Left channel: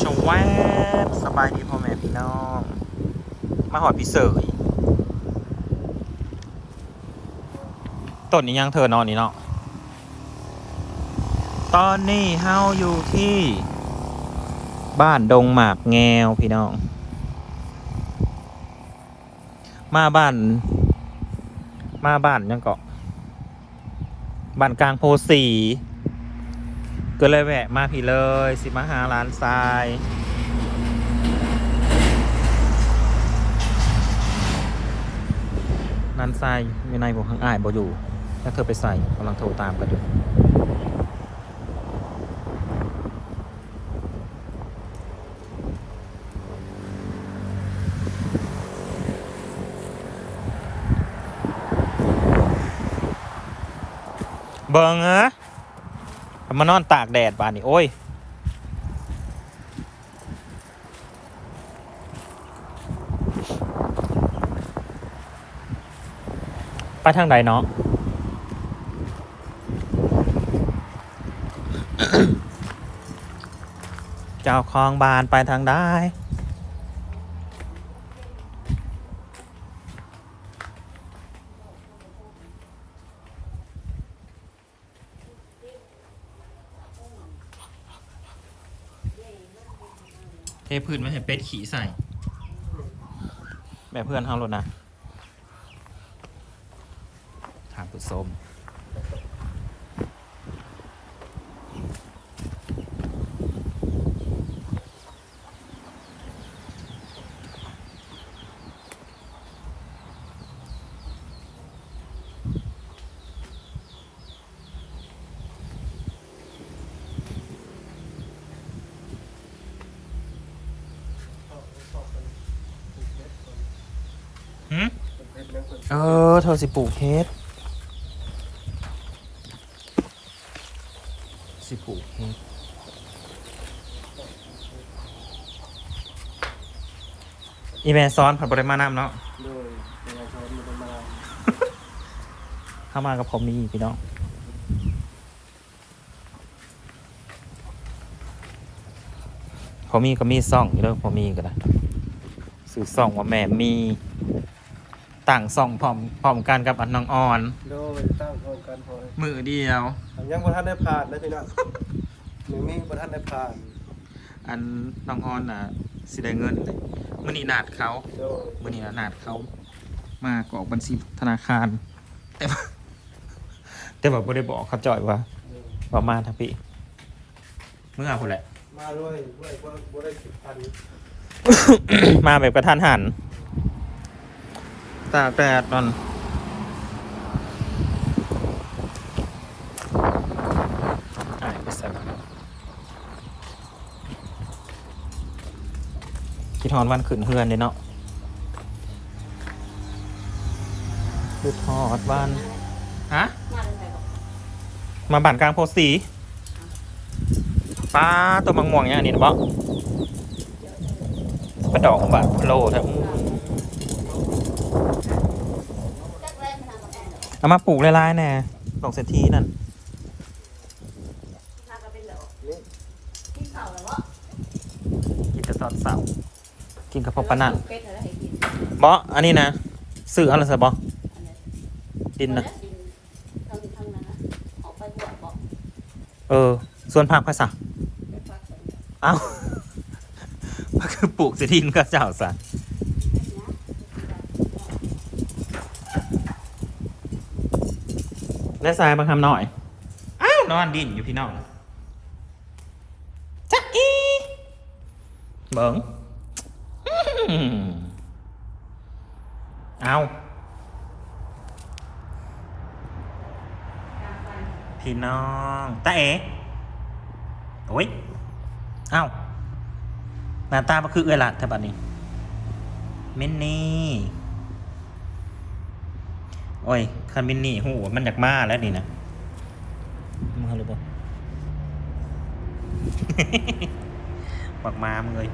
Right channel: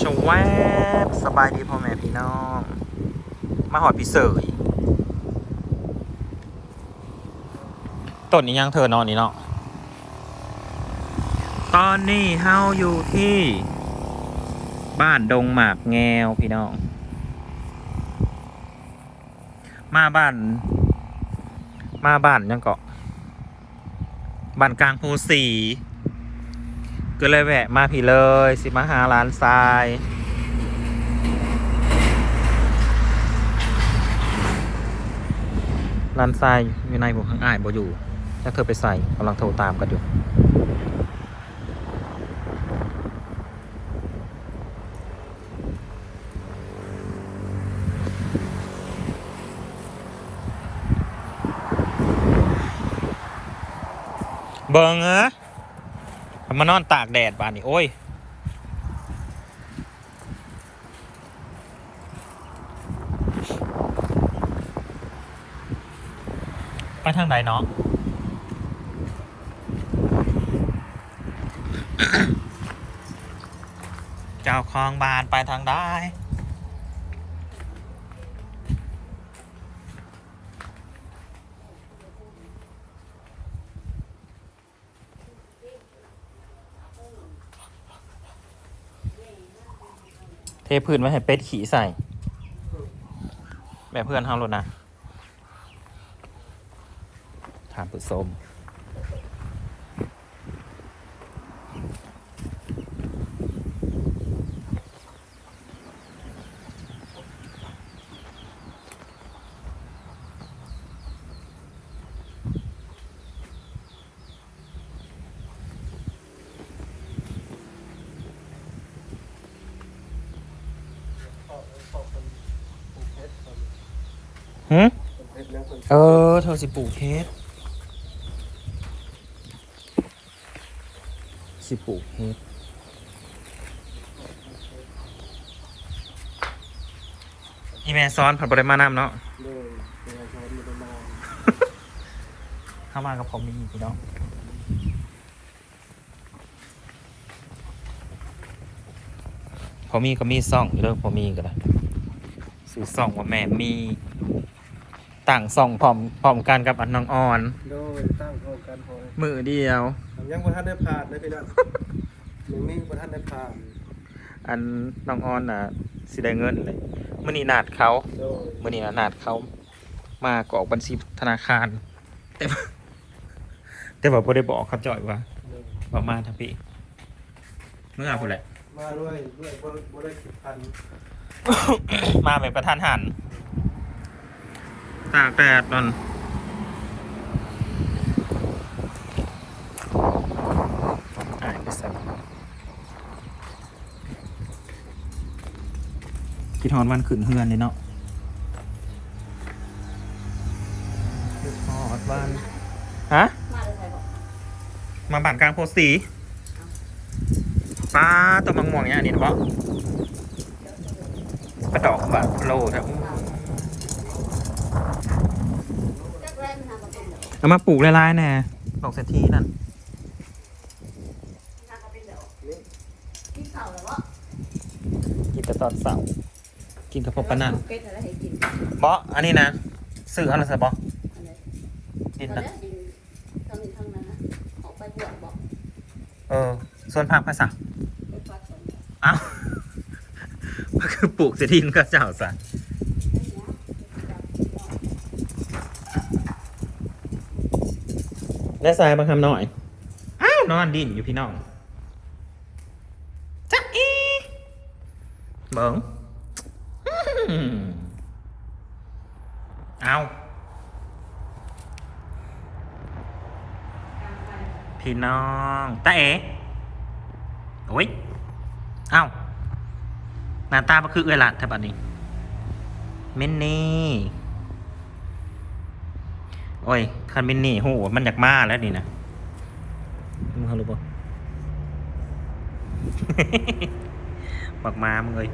ชวบสบายดีพ่อแม่พี่น้อง มาหอดพี่เสยต้นนี้ยังเธอนอนนี่เนาะตอนนี้เฮาอยู่ที่ บ้านดงหมากแงวพี่น้อง มาบ้าน มาบ้านยังเกาะบ้านกลางโพสี ก็เลยแวะมาพี่เลย สิมาหาร้านทรายร้านทรายอยู่ในผมข้างอ้ายบ่อยู่ถ้าเธอไปใส่กำลังโทรตามกันอยู่เบิงเอ้อ มานอนตากแดดบานนี่โอ้ยไปทางไหนเนาะเจ้าคลองบานไปทางได้ เทพื้นไว้ให้เป็ดขี่ใส่ แบบเพื่อนเฮาโลดนะถามผู้ส้มหืม เออเธอสิปลูกเพชรสิปลูกเพชรอีเมซอนผัดบริมานำเนาะโดยยังไงช้อนมันเป็นมาเข้ามากับผมนี่พี่น้องพอมีก็มีซ่องอยู่เรื่องพอมีก็ได้สื่อซ่องว่าแมนมี ต่างซ่องพร้อมพร้อมกันกับอันน้องอ่อน โดยตั้งพร้อมกันพอมือเดียวยังประท่านได้ผ่านนะพี่น้องหนูมีประท่านได้ผ่าน อันน้องอ่อนน่ะสิได้เงินเลยมื่อนี้นาดเขาโดยมื่อนี้น่ะนาดเขา มากรอกบัญชีธนาคาร แต่ว่าแต่ว่าบ่ได้บอกเขาจ่อยว่าโดยว่ามาทางพี่เมื่อคนแหละ มาด้วยด้วยบ่บ่ได้พัน มาแบบประทานหัน ตากแดดนอนหายไปสักคิดทอนวันขึ้นเพื่อนเลยเนาะคิดทอดวันฮะมาเลยใครบอกมาบ้านกลางโพธิ์สีป้าตัวมังม่วงเนี่ยอันนี่นะบอปลาดอกบาทโลแท้ จักแรกมันทำกับ เอามาปลูกลายๆแน่ดอกเศรษฐีนั่นทำกับเป็นเหรอที่เข่าเหรอวะกินกระตอนเสาร์กินกระพาะปนักเป็ดอะไรให้กินบออันนี้นะซื้อเอาละสิบออันนี้ดินนะ ดินทางทางนั้นนะออกไปบวชบอกเออ ส่วนผักภาษาไปฟักสวน เอ้า ก็คือปลูกเศรษฐีก็เจ้าสัน และสายบางคำหน่อย อ้าวนอนดินอยู่พี่น้องจักอีเบิงอื้อหือเอาพี่น้องตาเอ๋โอ้ยเอ้าหน้าตามันคือเอื้อหลัดแท่บัดนี้มินนี่ โอ้ยคันมินนี่โหมันอยากมาแล้วนี่นะมึงฮัลโหลบ่บักมามึงเลย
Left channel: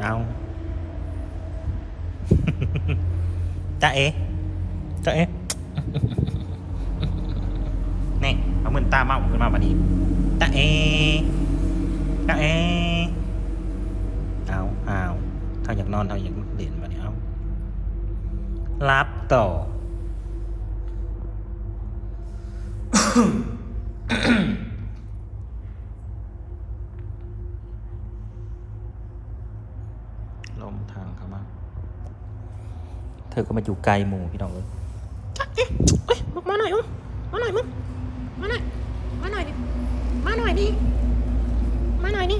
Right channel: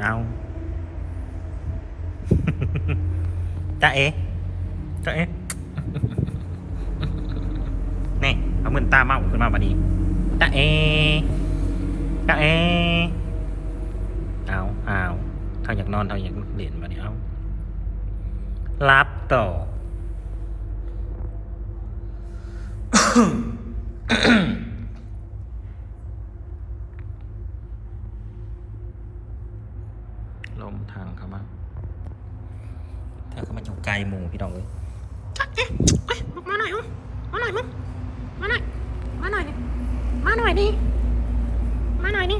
เอาจ้าเอ๋จ้าเอ๋นี่เอามือตาเมาขึ้นมาบัดนี้จ้าเอ๋กะเอเอาเอาถ้าอยากนอนเอาอยากเรียนมาเนี่ยเอา รับต่อลมทางเข้ามาเธอก็มาอยู่ไกลหมู่พี่น้องเลยเอ้ยมาหน่อยอุ้มมาหน่อยมึงมาหน่อย มาหน่อยดิมาหน่อยดิมาหน่อยดิ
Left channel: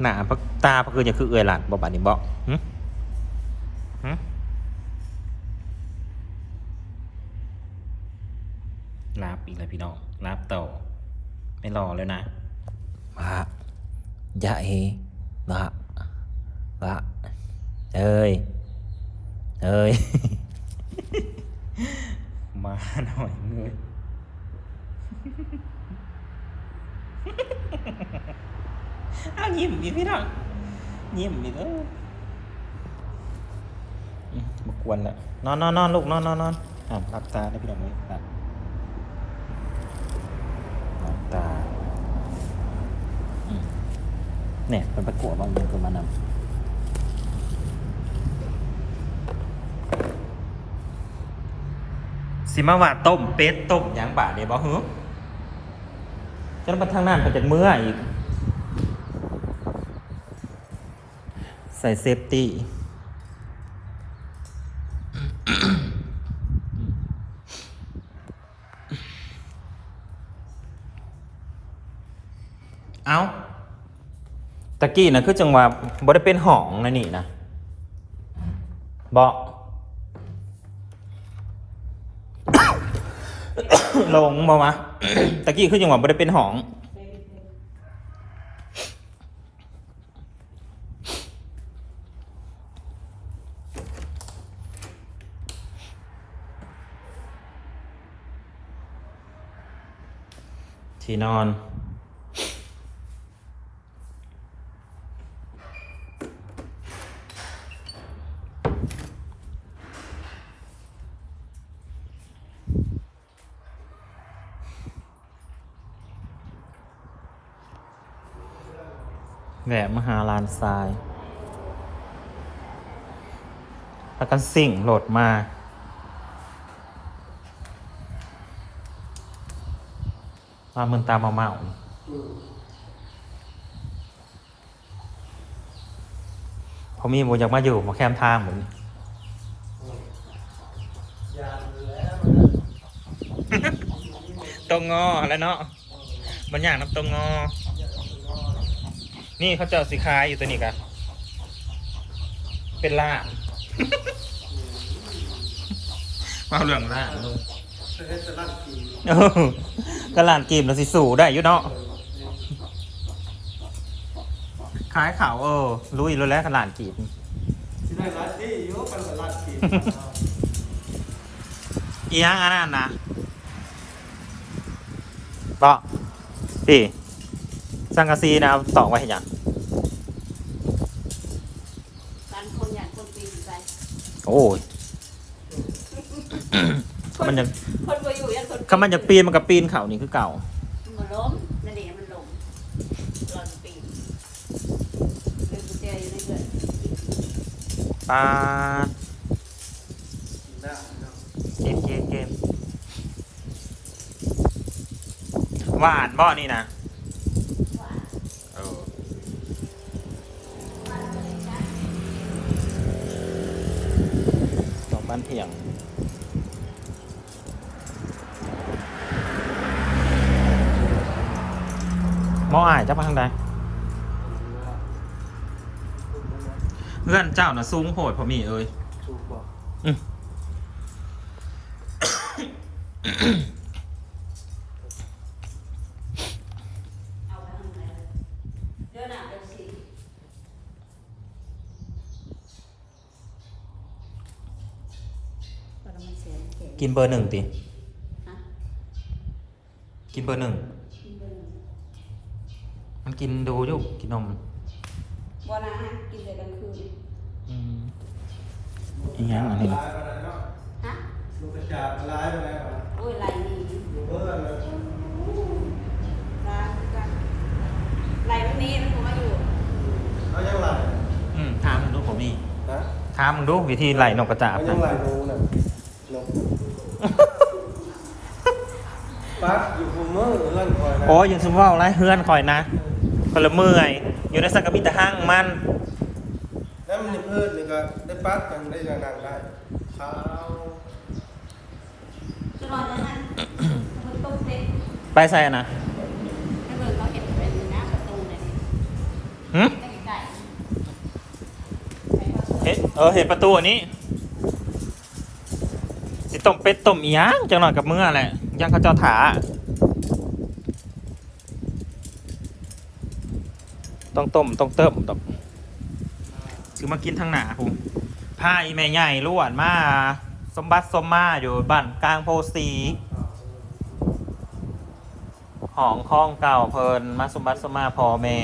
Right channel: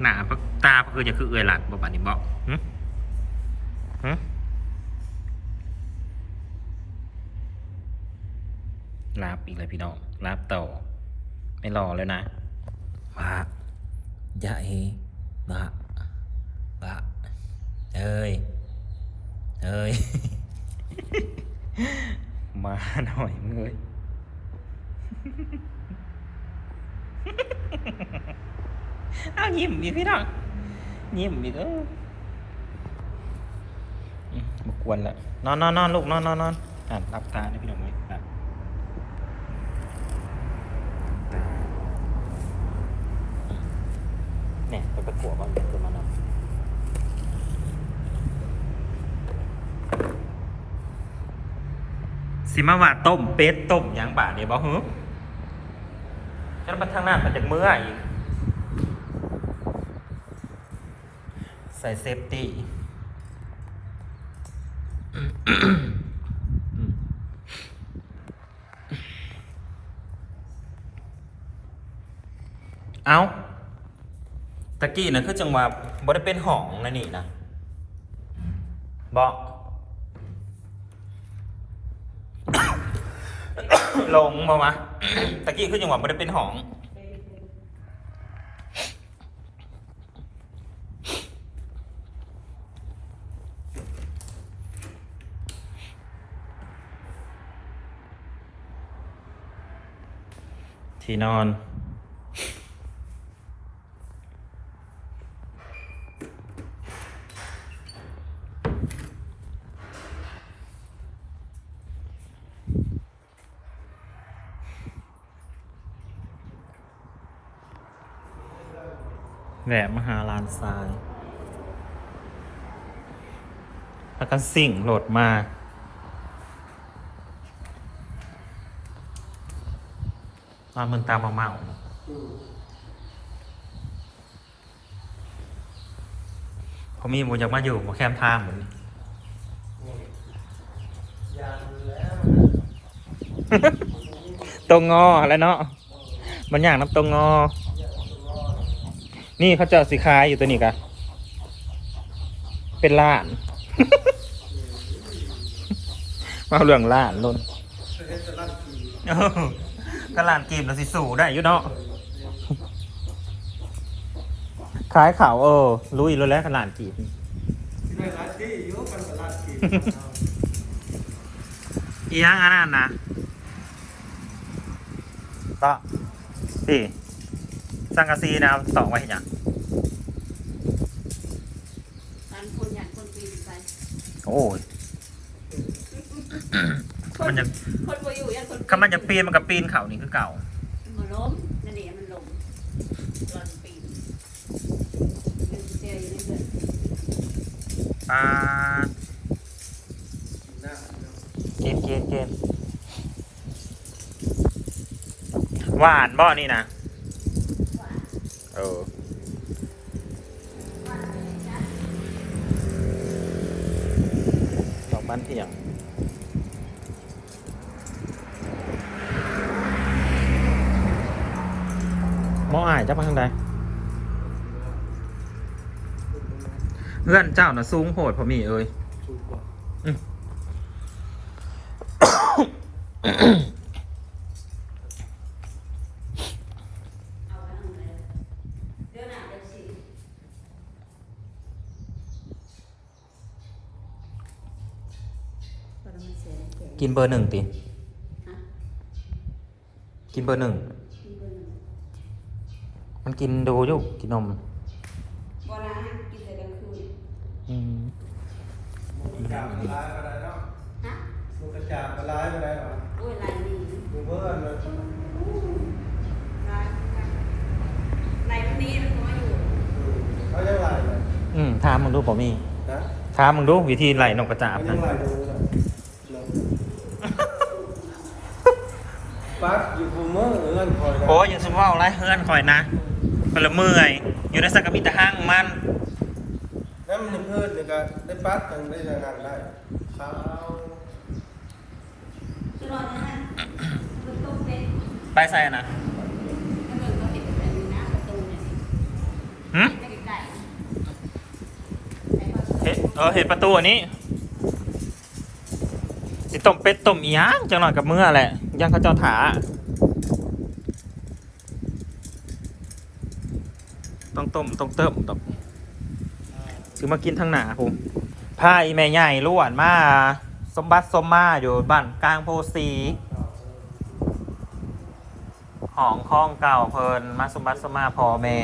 หน้าพักตาพักคือจะคือเอือยหลัดบ่บาดนี่บ่ ลาบอีกเลยพี่น้องลาบต่อ ไม่รอแล้วนะ มาอย่าเฮมามาเอ้ยเอ้ย มาหน่อยมึงเอ้ยเอายิ้มดิพี่น้องยิ้มดิเด้ออืมมากวนละนอนนอนนอนลูกนอนนอนนอนอะหลับตาได้พี่น้องไหมหลับหลับตาอืม เนี่ยเป็นประกวดบางคนมานำสิมาว่าต้มเป็ดต้มยังบาดเดี๋ยวบอกหือจะมาทางหน้าเป็นจากเมื่ออีก ใส่เซฟตี้ เอา ตะกี้นะคือจังหวะบ่ได้เป็นห้องนะนี่นะบ่ลงมาวะตะกี้คือจังหวะบ่ได้เป็นห้องที่นอน แหาลานทรายแล้วก็สิ่งโหลดมามามึนตาเมาๆผมมีหมูอยากมาอยู่มาแคมทางเหมือนตรงงออะไรเนาะมันอย่างน้ำตรงงอ นี่เขาเจะสีคายอยู่ตัวนี้กันเป็นล่าน มาเรื่องล่านลนเฮ็ดจะลั่นกีเออก็ล่านเกมเราสิสู่ได้อยู่เนาะขายข่าวเออรู้อยู่แล้วขนาดกีบ สิได้หลายที่อยู่กันก็ลั่นกีอีหยังอันนั้นนะต่อพี่ สังกะซีนะเอาตอกไว้ให้หยังการคนอย่างคนปีนไปโอ้ยคนมันยัง คนบ่อยู่อย่างคนคำมันจะปีนมันกับปีนเขานี่คือเก่า มันล้มนั่นเองมันล้มหลอนปีนเดินไปเจออยู่ในเดือนปลาหน้าเนาะเกมเกมเกมหวานบ่นี่นะ เออดอกบ้านเพียงหมออายจะมาทางใดเงื่อนเจ้าน่ะสูงโหดพอมีเอ้ย กินเบอร์หนึ่งติกินเบอร์หนึ่ง มันกินดูอยู่กินนมบนะกินแต่กลางคืนอืมอีหยังอันนี้ฮะลูกกระจาบร้ายอะไรวะโอ้ยไรนี่ดูเบอร์เลยร้ายไรวันนี้นะผมว่าอยู่เขาจะไหลอืมถามมึงดูผมนี่ถามมึงดูวิธีไหลนกกระจาบนะไหลดูนะ ปักอยู่ภูมิเอื้อนคอยนะโอ้ยยังซิว่าอะไรเฮือนคอยนะคนละเมื่อยอยู่ในสักกะมีแต่ห้างมัน แล้วมันในพืชนี่ก็ได้ปักกันได้นานๆได้ขาวจะรอนะฮะมันต้มเป็ดไปใส่อะนะให้เบิ่งเขาเห็นเป็นนะประตูเนี่ยหึนี่ไก่เห็ดเออเห็ดประตูอันนี้สิต้มเป็ดต้มอีหยังจังหน่อยกับเมื่อแหละ ยังเขาวเจ้าถา ต้องต้มต้องเติมดอกคือมากินทางหนาผมผ้าอีแม่ใหญ่ล้วนมาสมบัติสมมาอยู่บ้านกลางโพสีของข้องเก่าเพลินมาสมบัติสมมาพอแม่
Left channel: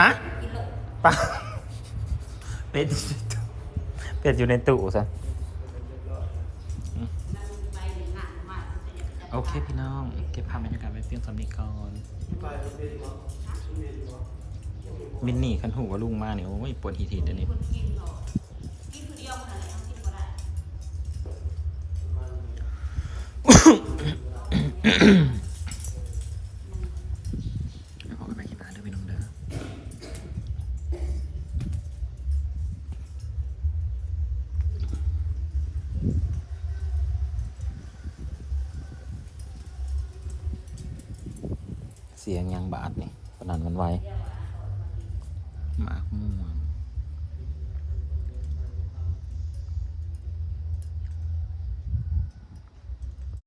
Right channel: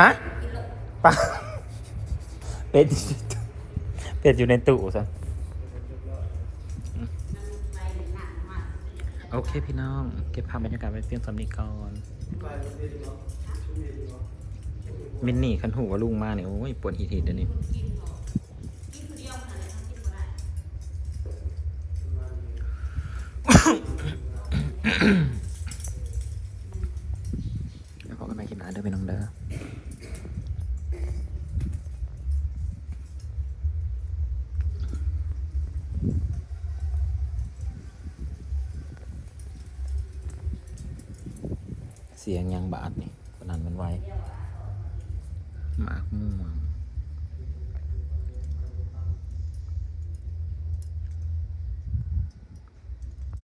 ฮะกินเลยปะเป็ดเป็ดอยู่ในตู้ซะนั่นไปหนึ่งหนักมากโอเคพี่น้อง เก็บภาพบรรยากาศไว้เพียงสำนีก่อนไปมันเป็นเนาะชุ่มเย็นเนาะมินนี่คันหูว่าลุงมาเนี่ยโอ้ยปวดหีทีเดี๋ยวนี้คนกินหรอกินคนเดียวขนาดไหนกินก็ได้ เดี๋ยวขอกันใหม่คลิปหน้าเด้อพี่น้องเด้อเสียงยังบาดนี่ขนาดมันไวหมากม่วง